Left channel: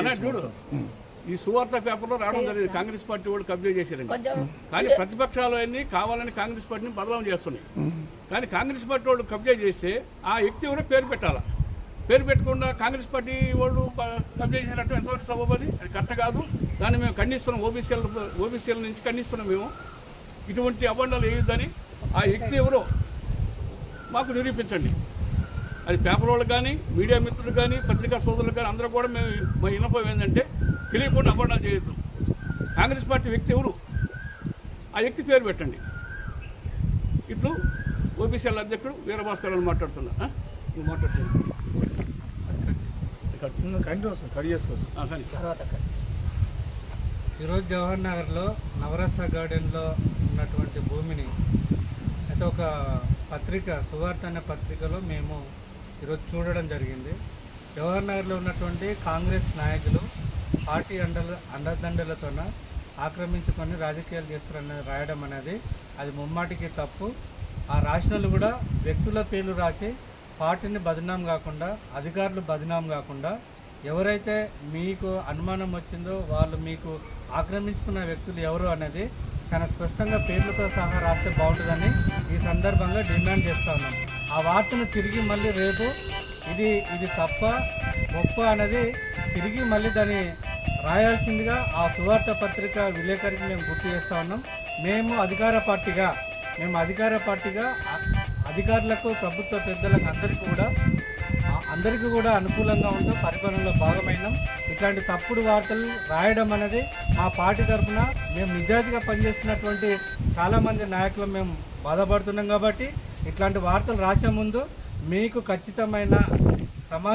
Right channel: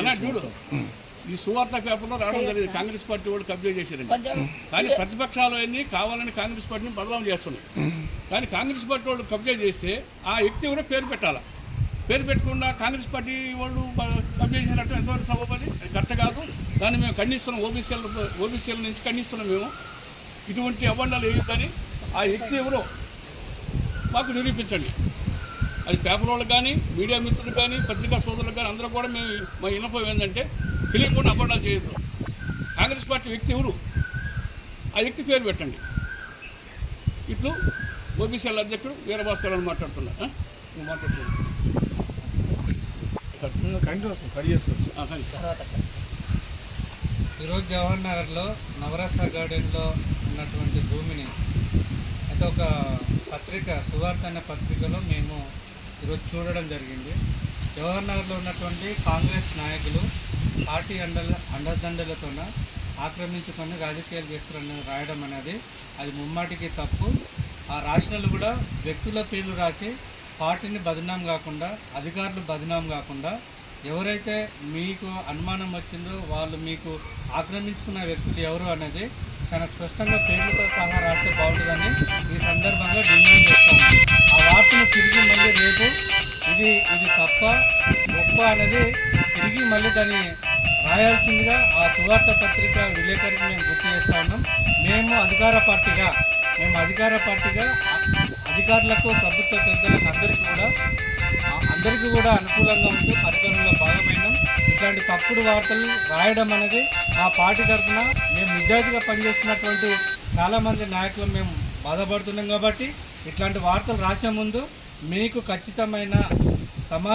అన్నా చూడు. ఈ సువార్త పేపర్లో రావడం జరిగింది. కాంగ్రెస్ పార్టీ వాళ్ళు కబ్జా చేశారండి. కానీ ప్రతిపక్షాలు అన్ని కావాలని కాంగ్రెస్ పార్టీని బదలాం చేస్తున్నాయి. కానీ కాంగ్రెస్ పార్టీ వాళ్ళు కబ్జా చేస్తే ఆ వ్యక్తి కూడా పేరు పెట్టాలా? పేరు పెట్టకుండా కాంగ్రెస్ పార్టీ వాళ్ళు కబ్జా చేసినట్టు ఎంతవరకు సభపది అది కరెక్ట్ కాదు. దాన్ని మేము ఖండిస్తున్నాం. ఓబీసీల ఓబీసీల నుంచి ఖండిస్తున్నాం మేము. ఇటువంటి అబండాలు వేయొద్దని ఆ వ్యక్తి ఎవరో మాకు నిరూపించండి. అది పేపర్ వాళ్ళకి కానీ మీడియా మిత్రులకు కానీ పత్రికా సోదరులకు కానీ అందరూ కూడా మేము మా విన్నపం ఏంటంటే తెలియకుండా అపరాధాలు చేయొద్దు. కాంగ్రెస్ పార్టీ వ్యక్తి ఎవరు? ఆ వ్యక్తి పేరు పెట్టండి. ఇట్లు ఓబీసీఎల్ అధ్యక్షుడు వీరభాస్కర్ అని మాట్లాడుతున్నా? నువ్వు మాట్లాడుతున్నా. ఈరోజు జవహర్ నగర్లో నవరస గార్డెన్లో ఉన్నటువంటి భూమిని అయితే ఒక పత్రిక సువార్త అనే పత్రికలో మేము ఈరోజు చూడడం జరిగింది. జవహర్ నగర్లో ఉన్నటువంటి కాంగ్రెస్ నాయకులు పార్టీ అండల అండదండలతోన ఆక్రమించుకొని రాజకీయాలు చేస్తారని రాయడం అనేది అది ముమ్మాటికి తప్పు. ఆ రాసినలు కూడా వ్యక్తుల పేర్లు రాసి పార్టీని బదనాం కాకుండా అధికారులు బదనాం కాకుండా ఎవరైతే మీకు అనుమానం వచ్చిందో వాళ్ళు మీకు ఆక్రమించుకున్న వ్యక్తులు ఎవరు అనేది చాలా స్పష్టంగా పేర్లతో సహా రాస్తే బాగుంటుందని ఈ సందర్భంగా డిమాండ్ చేస్తాను వార్తను తిరిగి మళ్ళీ రేపు. ఇది ఇది తప్ప గొప్ప అన్నది తిరిగి మళ్ళీ దాన్ని రాయాల్సిందిగా ఆ సువార్త పత్రిక విలేకరికి మేము గుర్తు చేస్తా ఉన్నాం. మేము అధికార పార్టీగా మేము అధికార పార్టీగా అధికారులకు ప్రభుత్వ పెద్దలకు అందరికీ కూడా అందరికీ కూడా అనుకూలంగా ఉంటూ పరిపాలనలో భాగమైనాం. ఇట్లాంటి తప్పుడు వార్తలు రాయడం అనేది మా పార్టీ తరఫున మేము నిజాయితీగా పనిచేస్తున్నటువంటి చాలామంది నాయకులు మేము బాధపడుతున్నాం కాబట్టి ఇట్లాంటి వార్తలు రాసే ముందు మీకు ఖచ్చితమైన సమా